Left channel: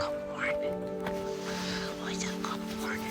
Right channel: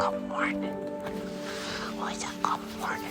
Good morning. What is it? Good morning.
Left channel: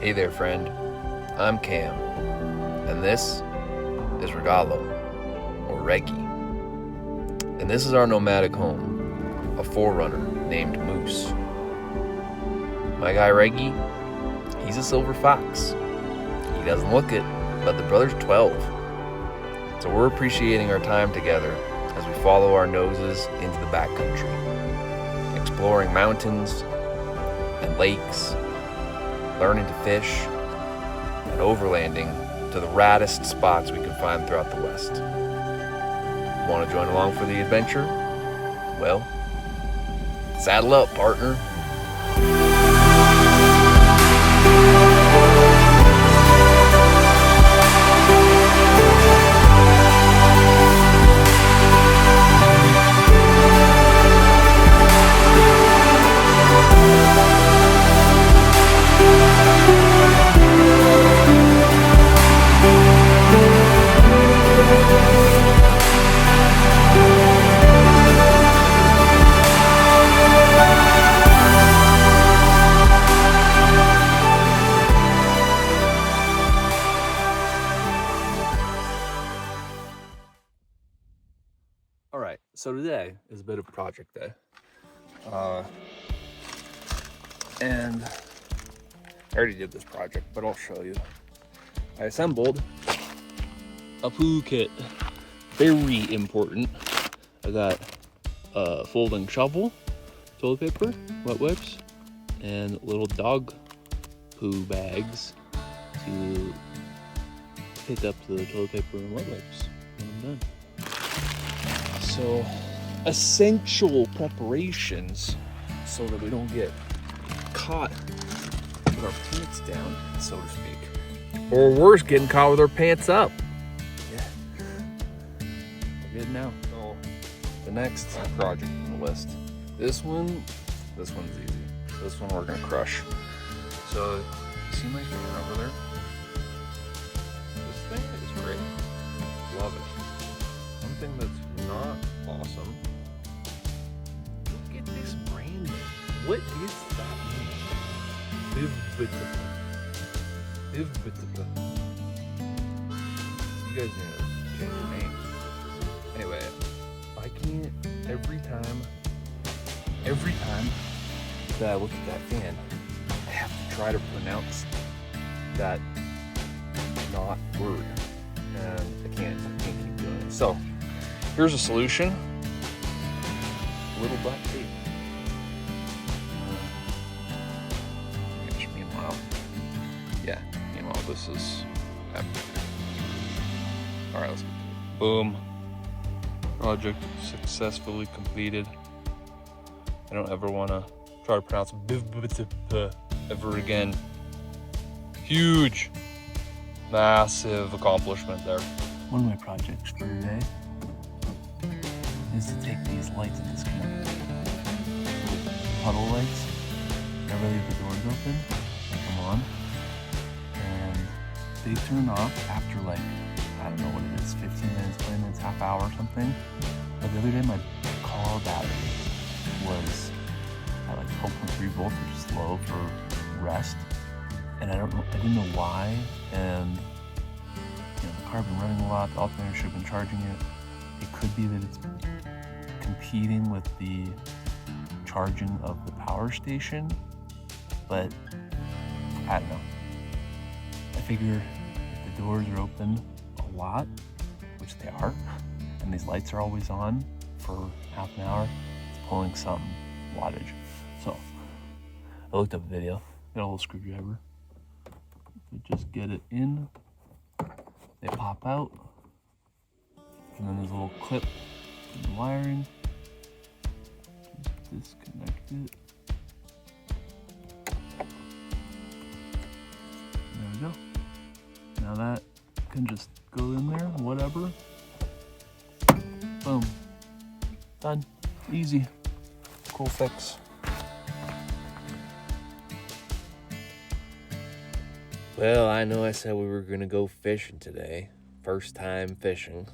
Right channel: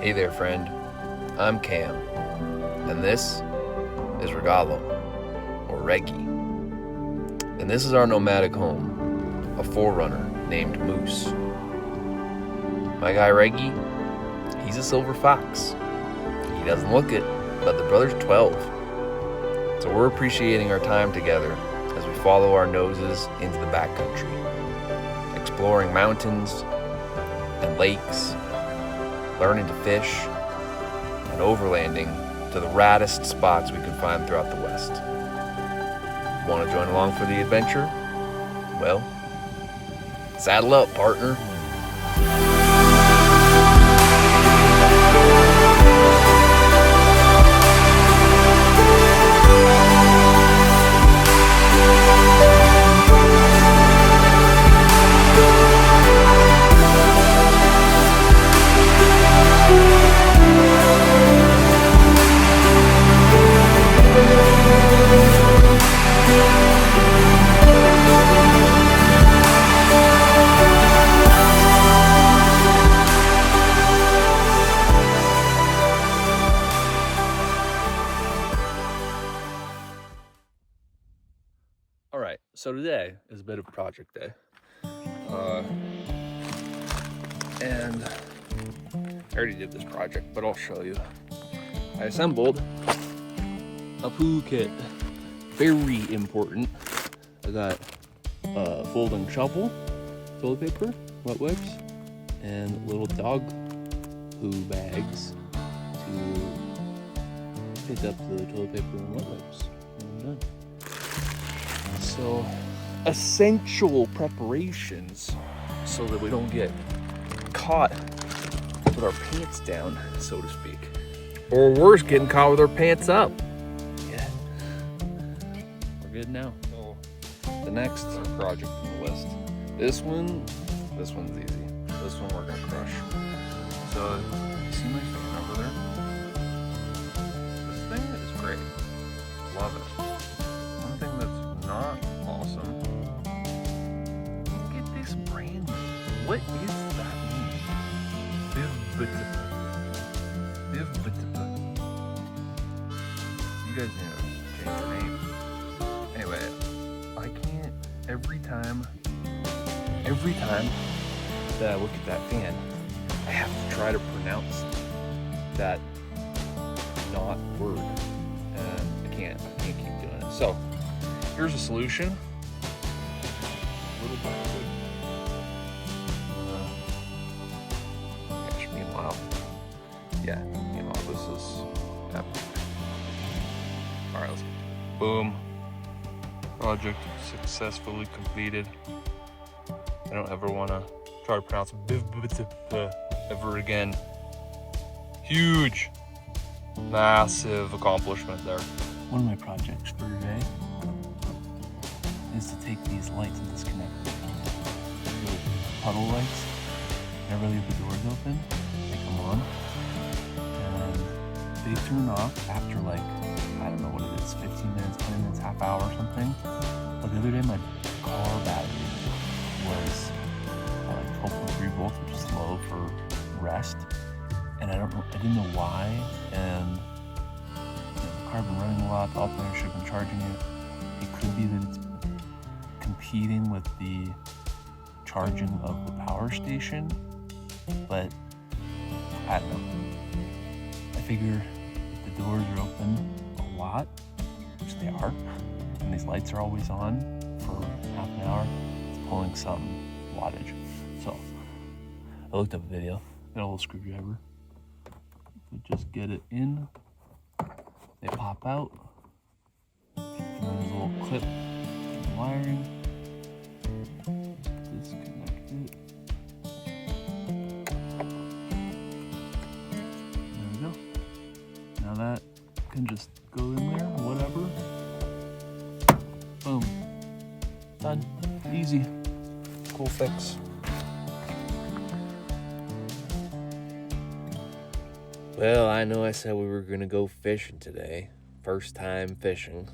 Hey there, friend. I'm Cam, and this is Regalo, or Reggie. And this is our nomadic home, a forerunner named Moose. My guy Reggie, he's a silver fox. He doesn't look it, but the brother's 12. So we're appreciating our time together as we follow our noses into the backcountry, exploring mountains and lakes, learning to fish, and overlanding to the raddest spots we can find throughout the West. Want to join along for the adventure? Well, saddle up, partner. Alright, so today is a bit of a project day. And I already did this project, but I'll show you. I assembled a poo kit. Very important. I got a folding shovel, toilet paper, wet wipes, and little dog poo bags to pick up the toilet paper and wet wipes when I'm done. So, essential preparations so that we don't get caught with our pants down, so to speak. Or worse, getting caught with our pants up. Yeah. We're good now. So, the next project on the list. This one's easy. This one we're gonna crush. So, you see my fan over there? This thing is great. Love it. One thing that's not awesome. Look at this brand name. What is that name? Bivbitapa. You guys need to change your name. Anyway, I can't, every time that I look at that fan, I have to try to pronounce that not word. And I can't keep doing it. So, here's a solution. Little black tape. Meanwhile, this is epic. Alright, let's get to it. Boom. Project successfully completed. I don't ever want to try to pronounce Bivbitapa ever again. Huge, massive accomplishment there. One of my projects for today is to take these lights and disconnect them. Little puddle lights. Whenever I leave the doors open, they come on. And they turn off after like, I don't know what it is, 15 minutes, 20 minutes, half hour or something. But the other day my car battery was at like 12.3 volts, which is low for rest. And I didn't know why. And the car had been running a lot, the alternator should have been charging it. It could be that it's competing with the charging of the power station, but I don't know. I figure if the doors are open a lot, which they are, and these lights are always on for half an hour, it's pulling some wattage. So I looked up a video, got a little screwdriver. We just get it in, they pop out, and then there's a little clip for the wiring. Just disconnect it. There we go. Now that can just go in there, whatever. Boom. Done. Easy. Cool fix. Well, I know I said we were going to go fishing today. First time fishing.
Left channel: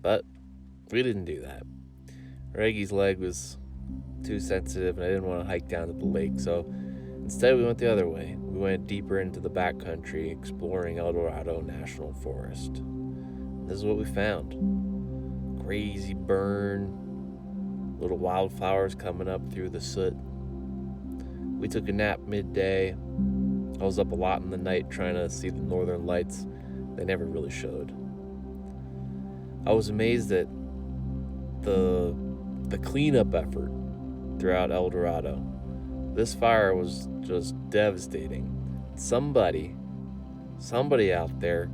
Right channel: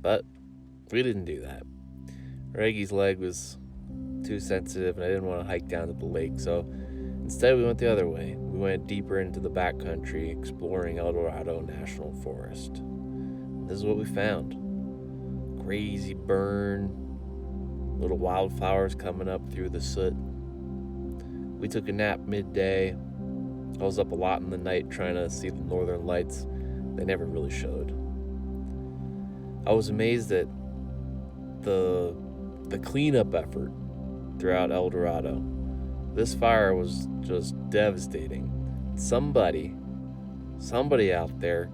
But we didn't do that. Reggie's leg was too sensitive and I didn't want to hike down to the lake, so instead we went the other way. We went deeper into the backcountry, exploring El Dorado National Forest. And this is what we found. Crazy burn, little wildflowers coming up through the soot. We took a nap midday. I was up a lot in the night trying to see the northern lights. They never really showed. I was amazed at the cleanup effort throughout El Dorado. This fire was just devastating. Somebody out there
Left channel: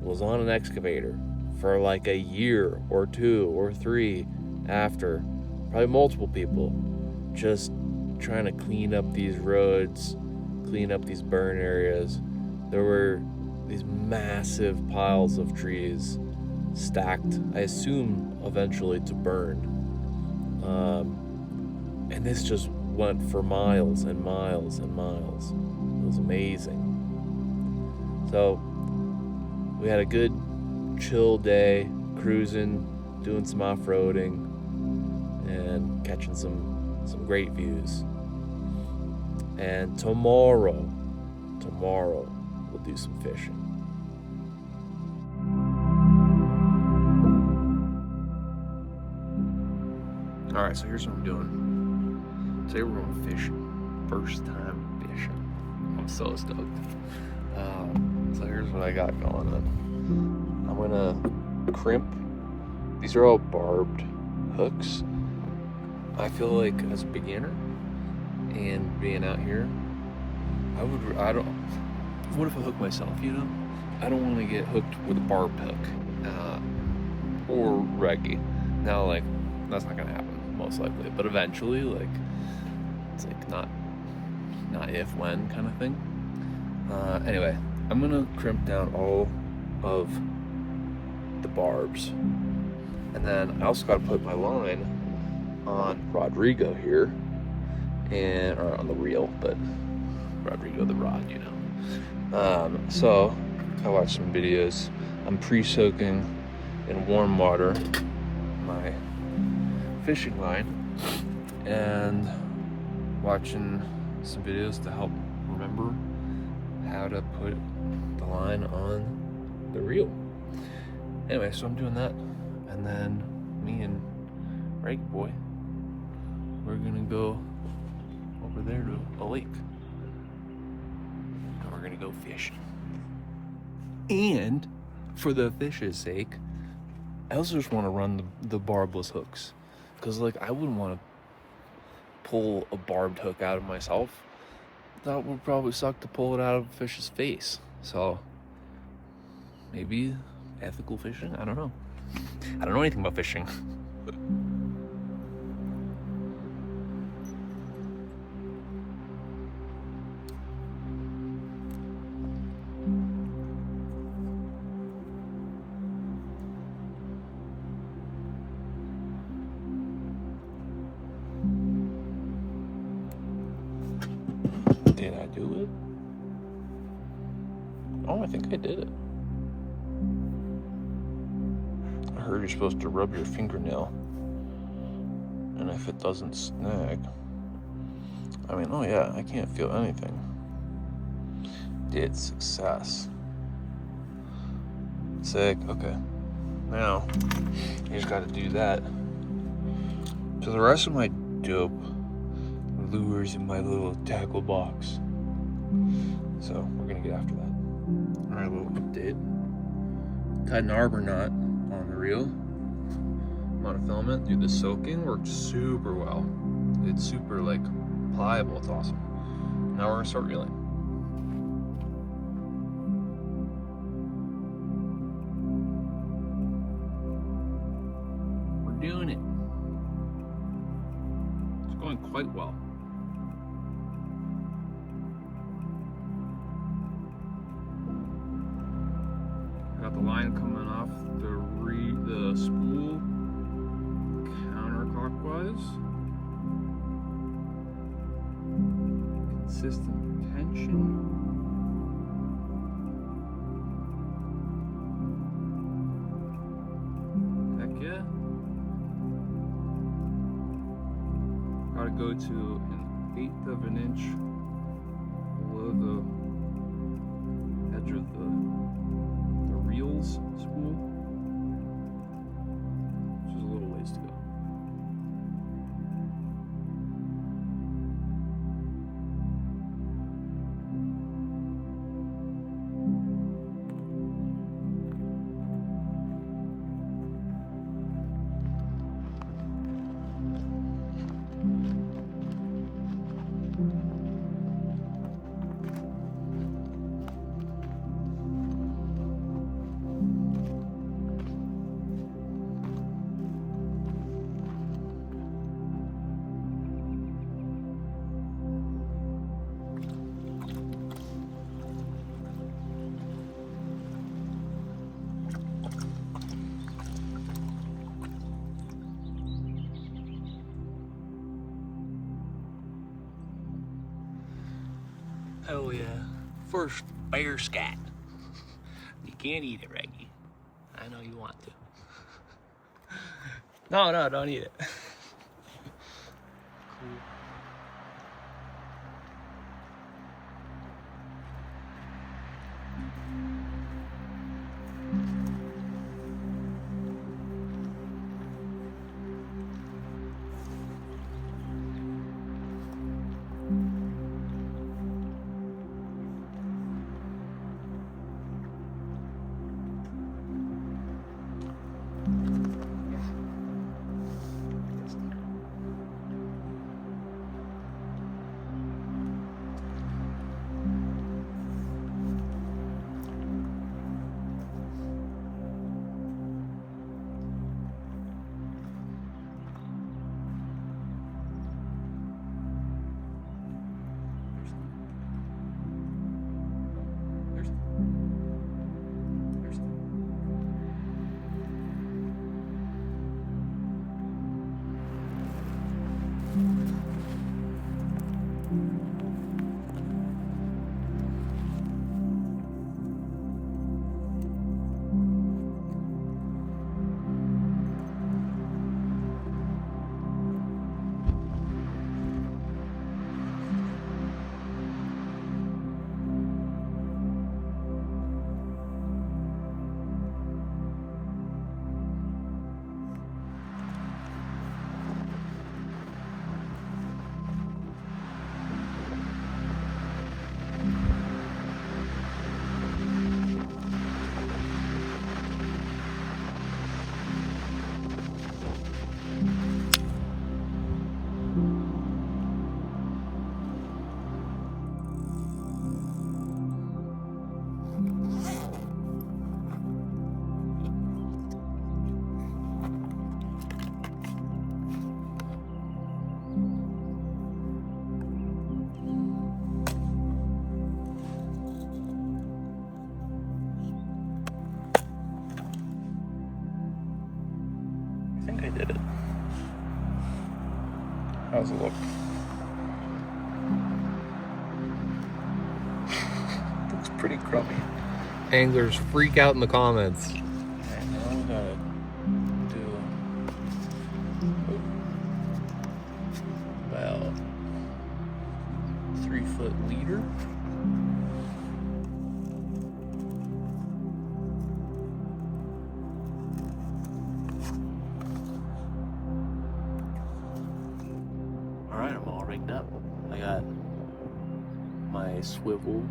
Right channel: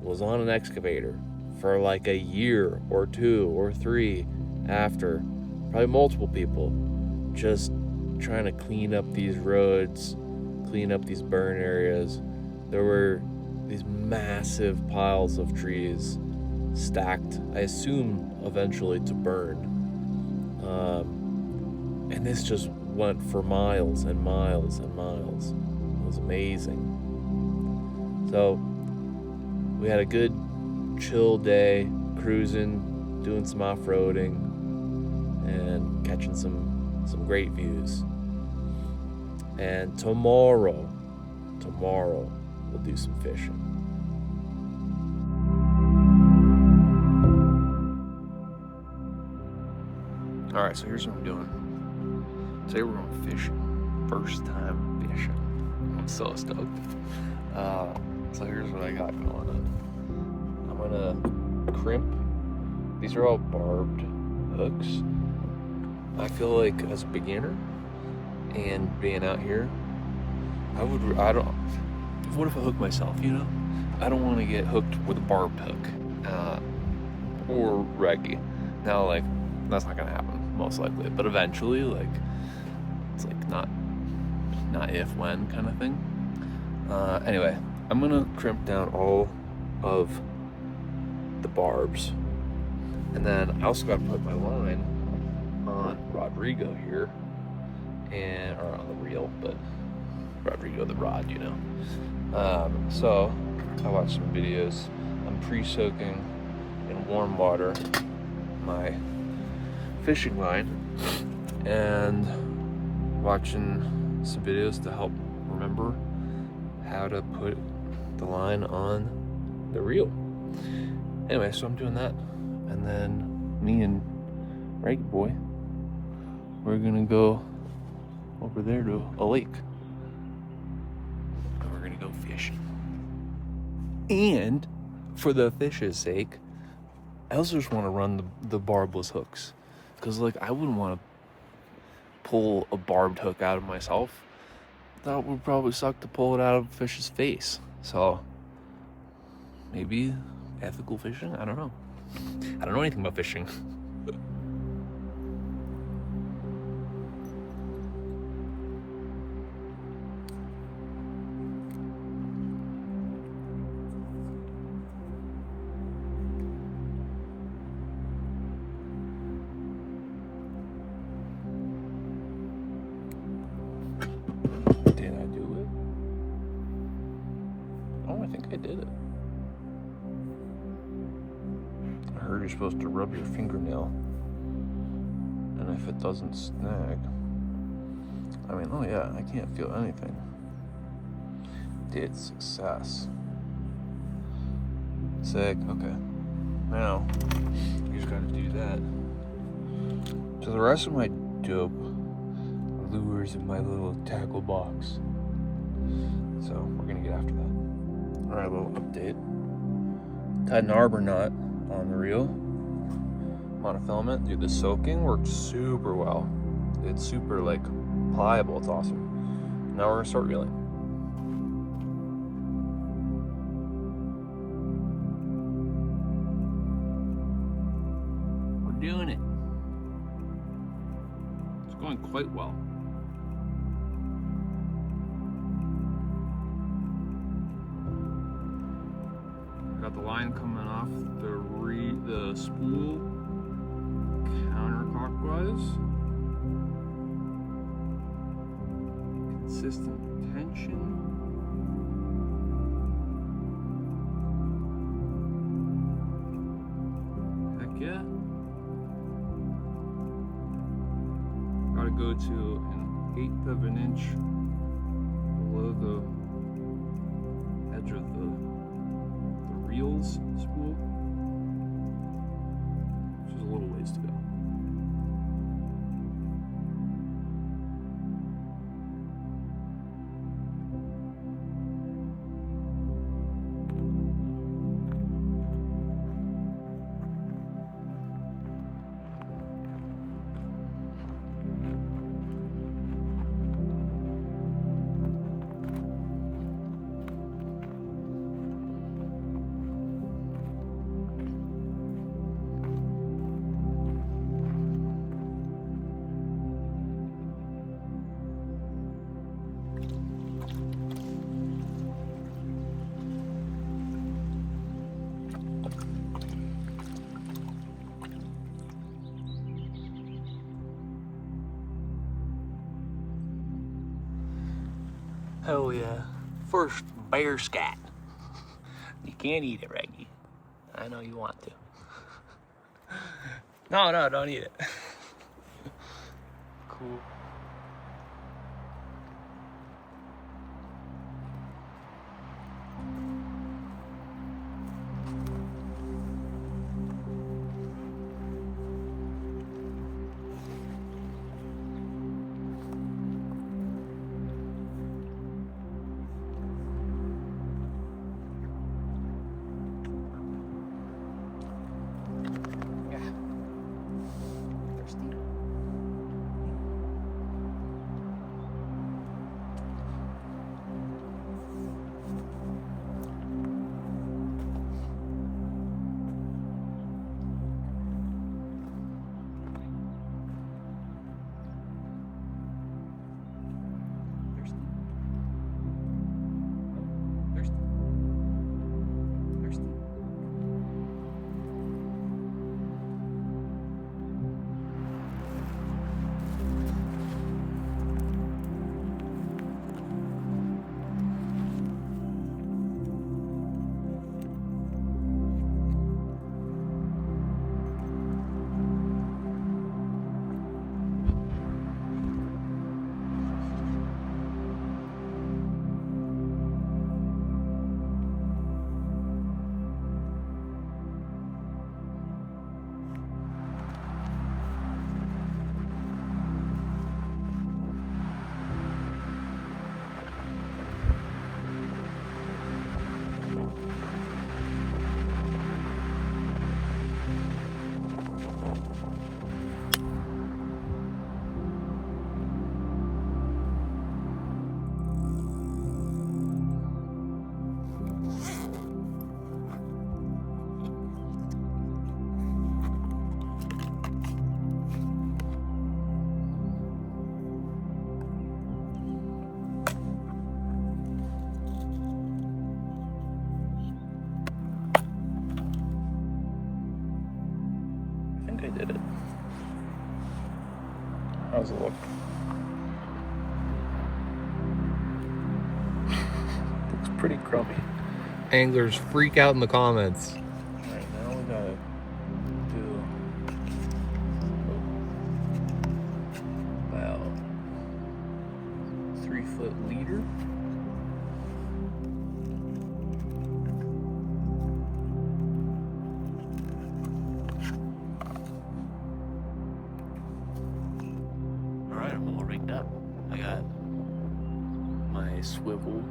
was on an excavator for like a year or 2 or 3 after, probably multiple people, just trying to clean up these roads, clean up these burn areas. There were these massive piles of trees stacked, I assume eventually to burn. And this just went for miles and miles and miles. It was amazing. So we had a good chill day, cruising, doing some off-roading, and catching some great views. And tomorrow we'll do some fishing. All right, so here's what I'm doing. Today we're going fishing. First time fishing. I'm so stoked. So here's what I got going on. I'm gonna crimp. These are all barbed hooks. I feel like as a beginner and being out here, what if I hook myself, I don't want to get hooked with a barbed hook or Reggie. Now, like, that's not gonna happen most likely, but eventually, like, it's like not if, when kind of thing. Anyway, I'm gonna crimp down all of the barbs, and then I also gotta put my line on Rodrigo here, or on the reel, but Rodrigo the rod, So I watched some videos. I'm pre-soaking in warm water my fishing line and watching some videos to help remember how to put the line on the reel. Anyway, so I'm doing that, and then me and Reggie boy, we're gonna go over there to a lake and we're gonna go fishing. And for the fish's sake, I also just want to run the barbless hooks, because like I wouldn't want to pull a barbed hook out of myself. That would probably suck to pull it out of a fish's face. So maybe ethical fishing? I don't know. I don't know anything about fishing. Did I do it? Oh, I think think I did it. I heard you're supposed to rub your fingernail, and if it doesn't snag, I mean, oh yeah, I can't feel anything. Did success. Sick, okay. Now, I just gotta do that to the rest of my dope lures in my little tackle box. So, we're gonna get after that. Alright, little update. Tied an arbor knot on the reel. Monofilament. Dude, the soaking worked super well. It's super, like, pliable. It's awesome. Now we're gonna start reeling. We're doing it. It's going quite well. Got the line coming off the spool counterclockwise. Consistent tension. Heck yeah. Gotta go to 1/8 of an inch below the edge of the reels spool, which is a little ways to go. Oh yeah, first bear scat. You can't eat it, Reggie. I know you want to. No, don't eat it. Cool. I think I did it. How's it look? Looks pretty crummy. anglers freak out in the comments. Alright, now we gotta do about 3-foot leader. Alright, I'm all rigged up. I got my swivel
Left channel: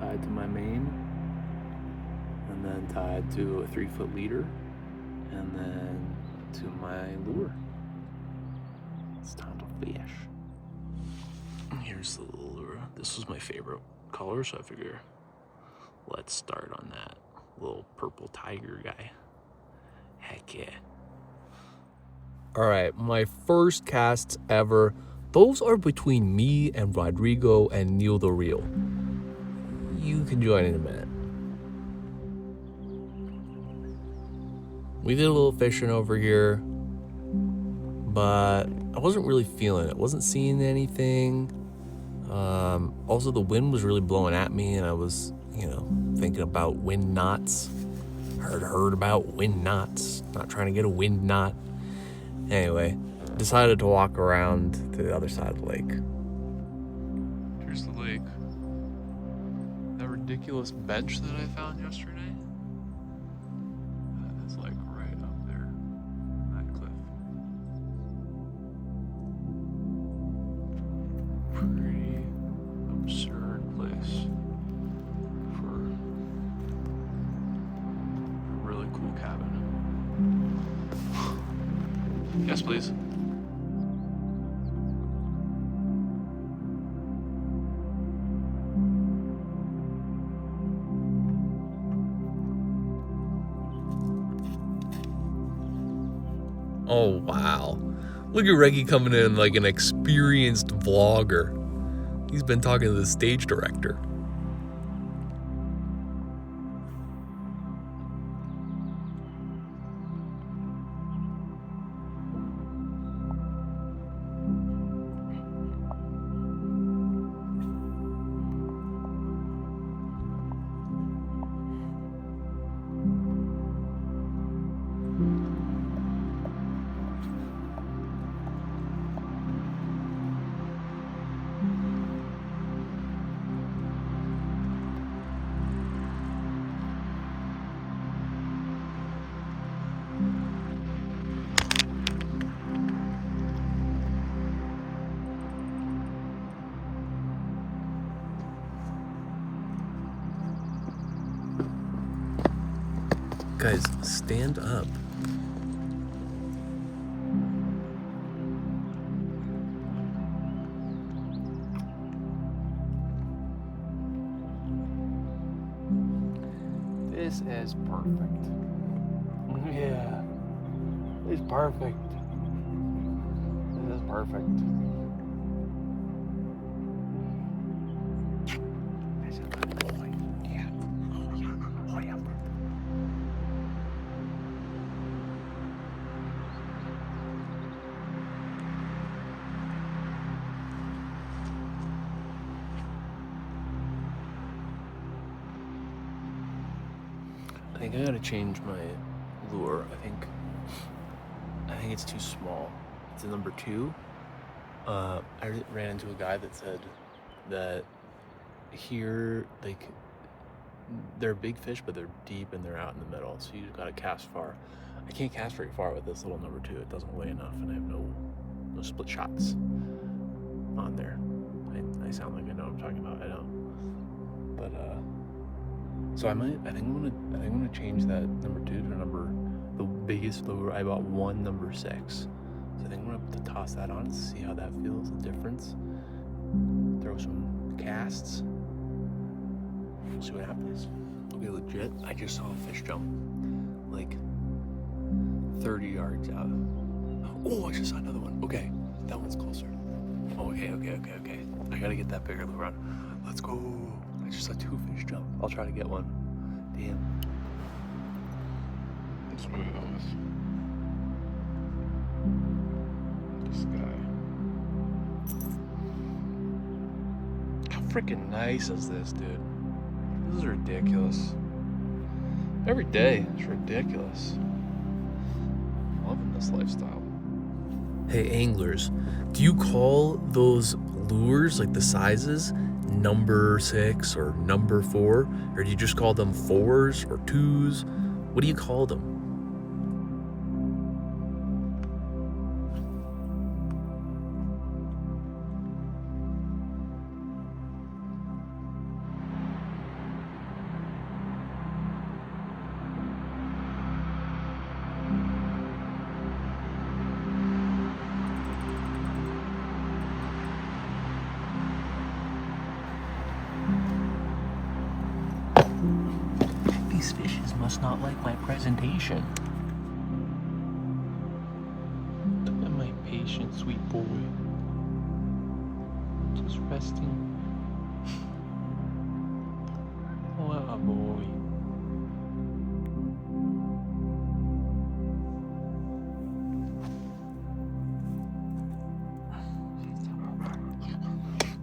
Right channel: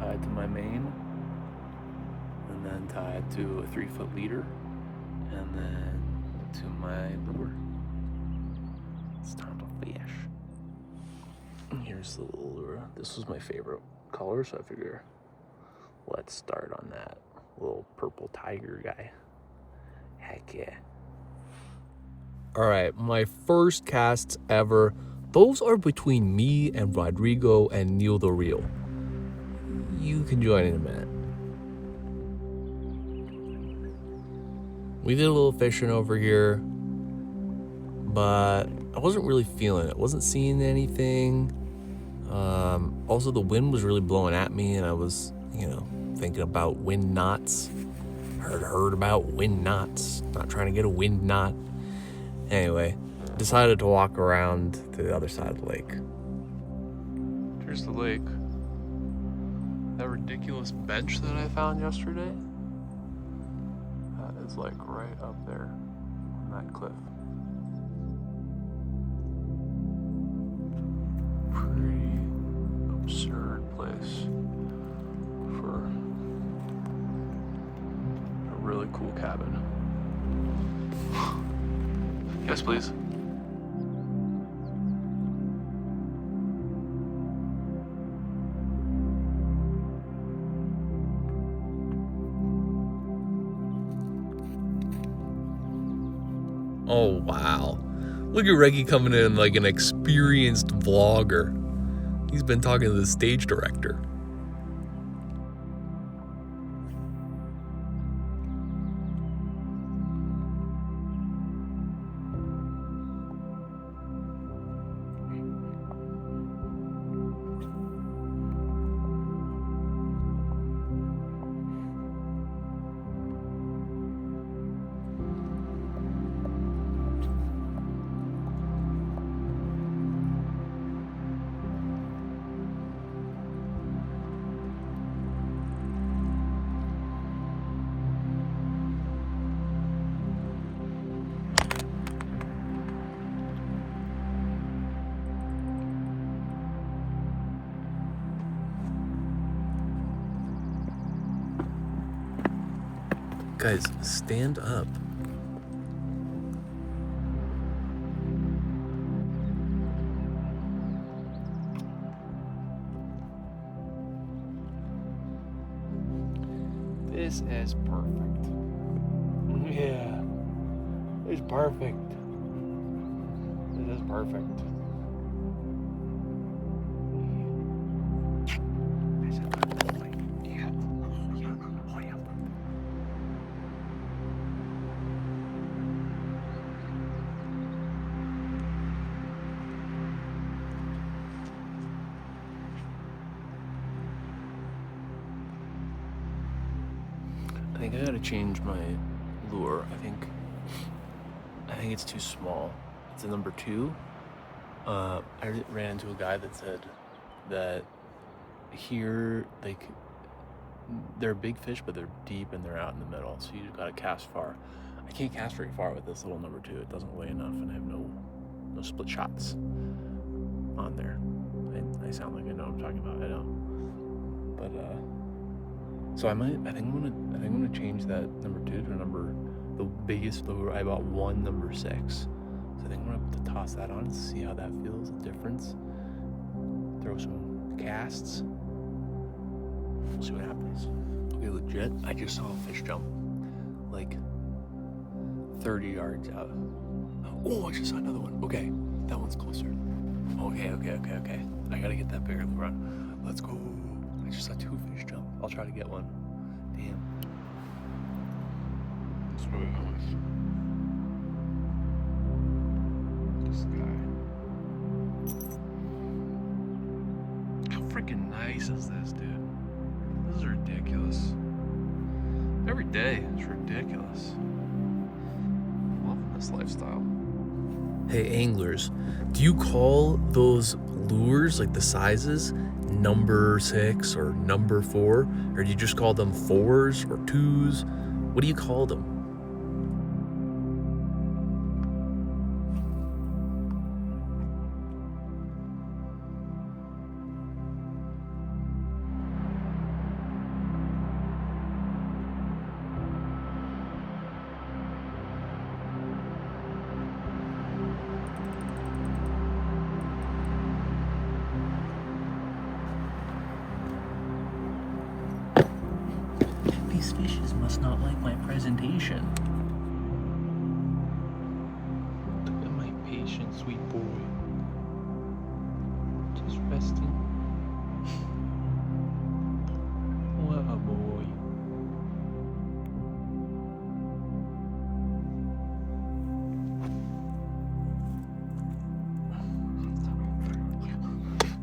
tied to my main, and then tied to a 3-foot leader, and then to my lure. It's time to fish. Here's the little lure. This was my favorite color, so I figure let's start on that little purple tiger guy. Heck yeah. All right, my first casts ever. Those are between me and Rodrigo and Neil the Reel. You can join in a minute. We did a little fishing over here, but I wasn't really feeling it. Wasn't seeing anything. Also, the wind was really blowing at me, and I was, thinking about wind knots. Heard about wind knots. Not trying to get a wind knot. Anyway, decided to walk around to the other side of the lake. Here's the lake. That ridiculous bench that I found yesterday, that is like right up there on that cliff. Pretty absurd place for a really cool cabin. Yes, please. Oh, wow. Look at Reggie coming in like an experienced vlogger. He's been talking to the stage director. Guys, stand up. This is perfect. Yeah, it's perfect. This is perfect. I think I gotta change my lure. I think it's too small. It's a number 2. I ran into a guy that said that here, like, they're big fish, but they're deep and they're out in the middle. So you just gotta cast far. I can't cast very far with this little number 2. It doesn't weigh enough, and I have no split shots on there. I sound like I know what I'm talking about. I don't. But so I think I'm gonna change that number 2 to the biggest lure. I bought one number 6. So I think I'm gonna have to toss that on and see how that feels, the difference. Throw some casts. We'll see what happens. Okay, legit, I just saw a fish jump like 30 yards out. Oh, I just saw another one. Okay, that one's closer. Okay. I gotta get that bigger lure on. Let's go. I just saw 2 fish jump. I'll try to get one. Damn. That's what it was. This guy. How freaking nice is this, dude? This is ridiculous. every day. It's ridiculous. Loving this lifestyle. Hey anglers, do you call those lures, like the sizes, number 6 or number 4? Or do you just call them 4s or 2s? What do you call them? These fishes must not like my presentation. Look at my patient, sweet boy. Just resting. What a boy.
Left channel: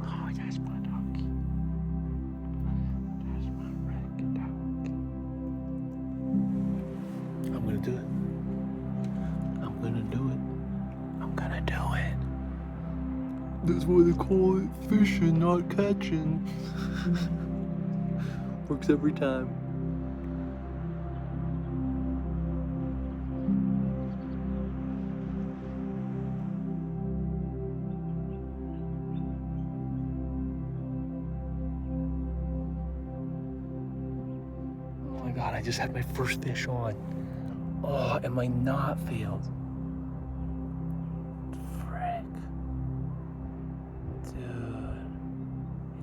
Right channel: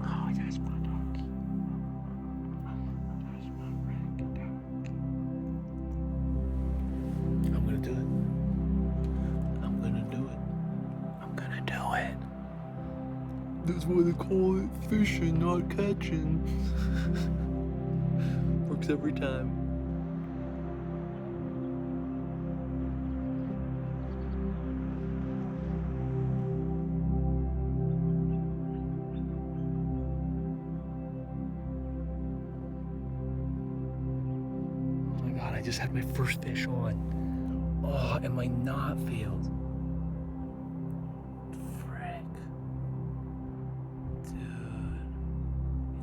Oh, that's my doggy. That's my rag dog. I'm gonna do it. I'm gonna do it. I'm gonna do it. That's why they call it fishing, not catching. Works every time. Oh my god, I just had my first fish on. Oh, and my knot failed. Frick. Dude.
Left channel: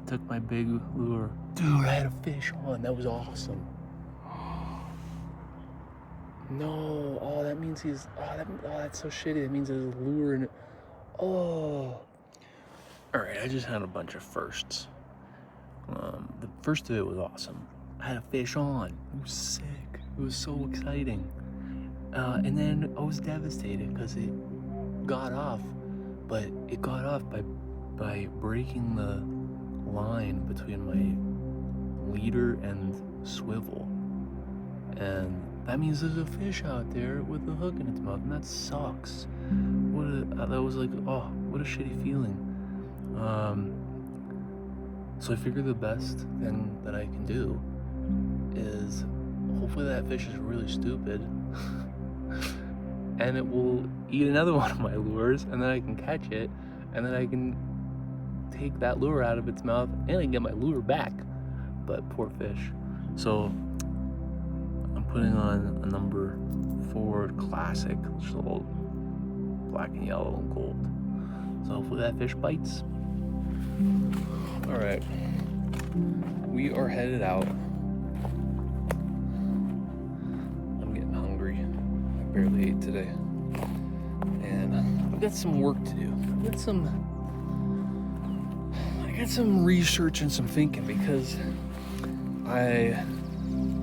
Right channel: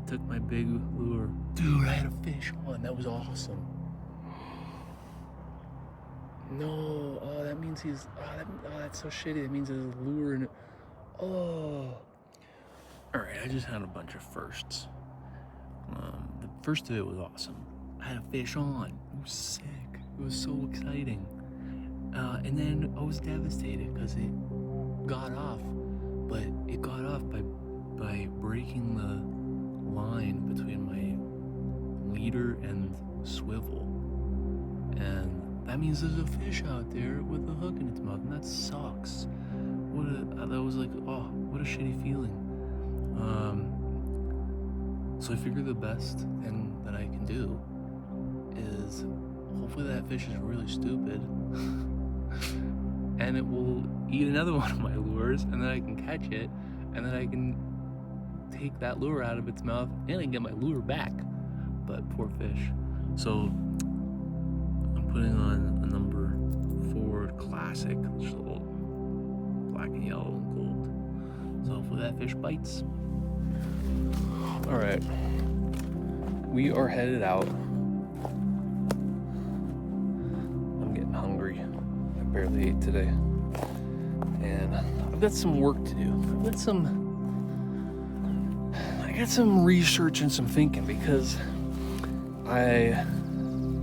It took my big lure. Dude, I had a fish on. That was awesome. No. Oh, that means he's... Oh, that's so shitty. That means there's a lure in it. Oh. Alright, I just had a bunch of firsts. The first of it was awesome. I had a fish on. It was sick. It was so exciting. And then I was devastated because it got off, but it got off by breaking the line between my leader and swivel. And that means there's a fish out there with a hook in its mouth, and that sucks. That was like, oh, what a shitty feeling. So I figured the best thing that I can do is hopefully that fish is really stupid and it will eat another one of my lures, and then I can catch it, and then I can take that lure out of its mouth and I can get my lure back. But poor fish. So I'm putting on a number 4 classic, which is all black and yellow and gold. So hopefully that fish bites. All right, we are headed out. I'm getting hungry. I barely ate today, and I've got some work to do. I got some research and some thinking, because I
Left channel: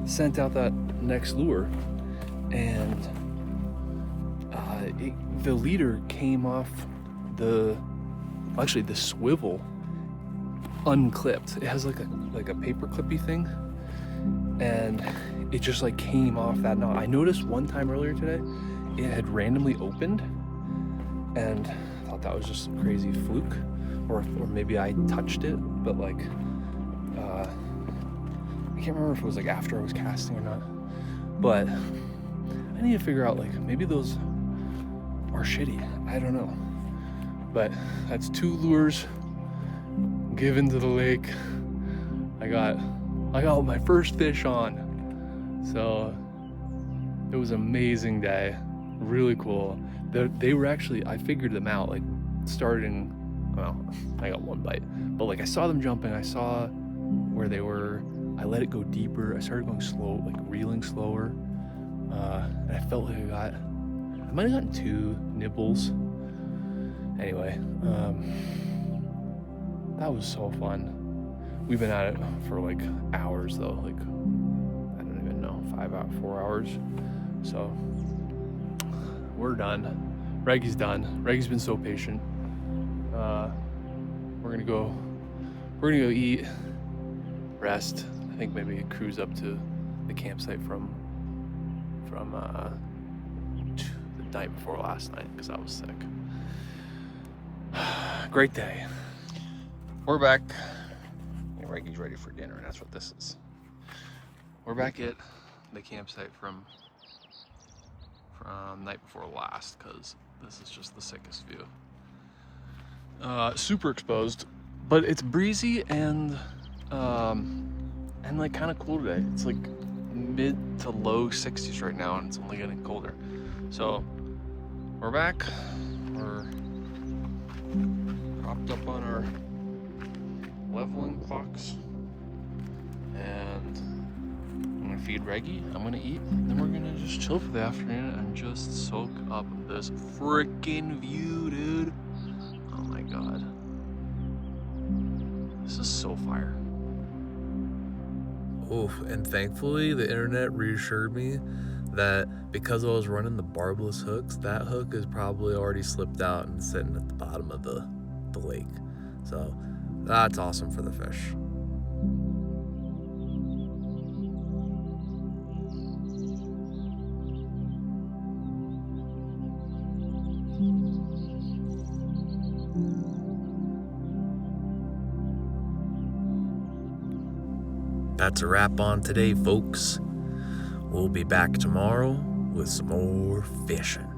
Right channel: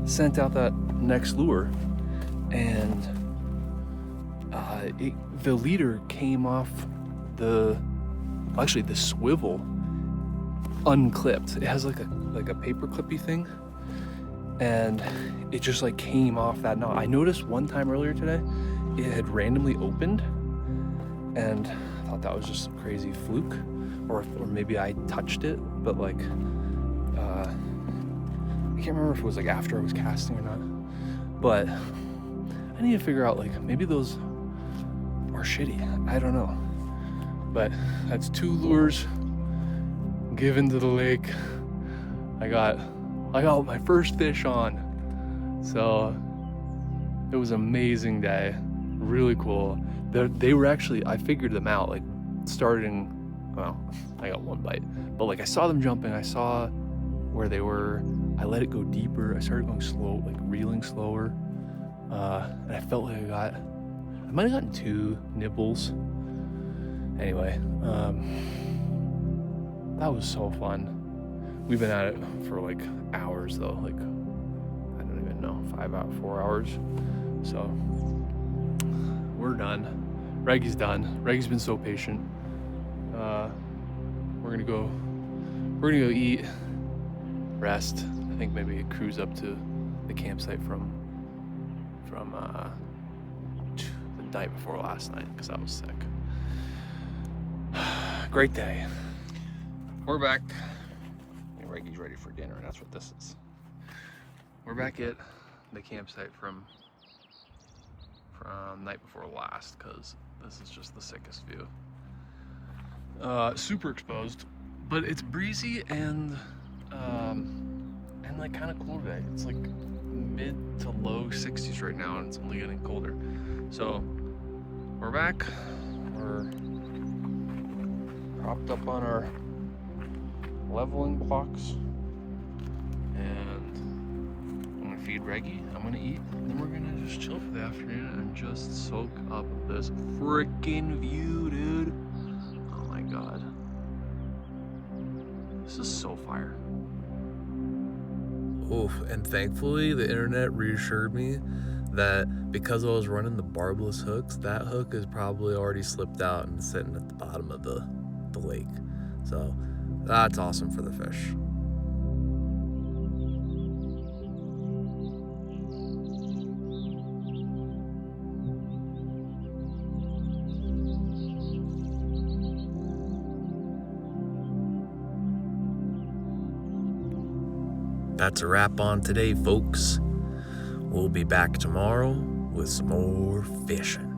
sent out that next lure, and the leader came off the swivel unclipped. It has like a paper clippy thing, and it just like came off that knot. I noticed one time earlier today it had randomly opened, and I thought that was just a crazy fluke, or maybe I touched it, but like I can't remember if it was like after I was casting or not. But I need to figure out, like, maybe those are shitty. I don't know. But that's 2 lures given to the lake. I got my first fish on. So it was an amazing day. Really cool. They were actually, I figured them out, like starting, well, I got 1 bite, but like I saw them jumping, I saw where they were, I let it go deeper, I started going slow, like reeling slower, and I felt like I might have gotten 2 nibbles. Anyway, that was so fun. We've been at it for like hours though, like, I don't even know, 4 hours. So we're done. Reggie's done. Reggie's been so patient. We're gonna go eat, rest. I think maybe cruise up to the campsite from from the night before last night because I was sick. Great day. We're back. Reggie's ready for dinner, and that's what this is. We're back at the campsite from night before last because this is just the sickest view. Super exposed, but it's breezy and like kind of cool today. It's like mid to low 60s right now, and it's only getting colder. So we're back. We're propped up on our leveling clocks, and I'm gonna feed Reggie. I'm gonna eat, and then we're gonna just chill for the afternoon and just soak up this freaking view, dude. Oh my god, this is so fire. Oof, and thankfully the internet reassured me that because I was running the barbless hooks, that hook is probably already slipped out and sitting at the bottom of the lake. So that's awesome for the fish. That's a wrap on today, folks. We'll be back tomorrow with some more fishing.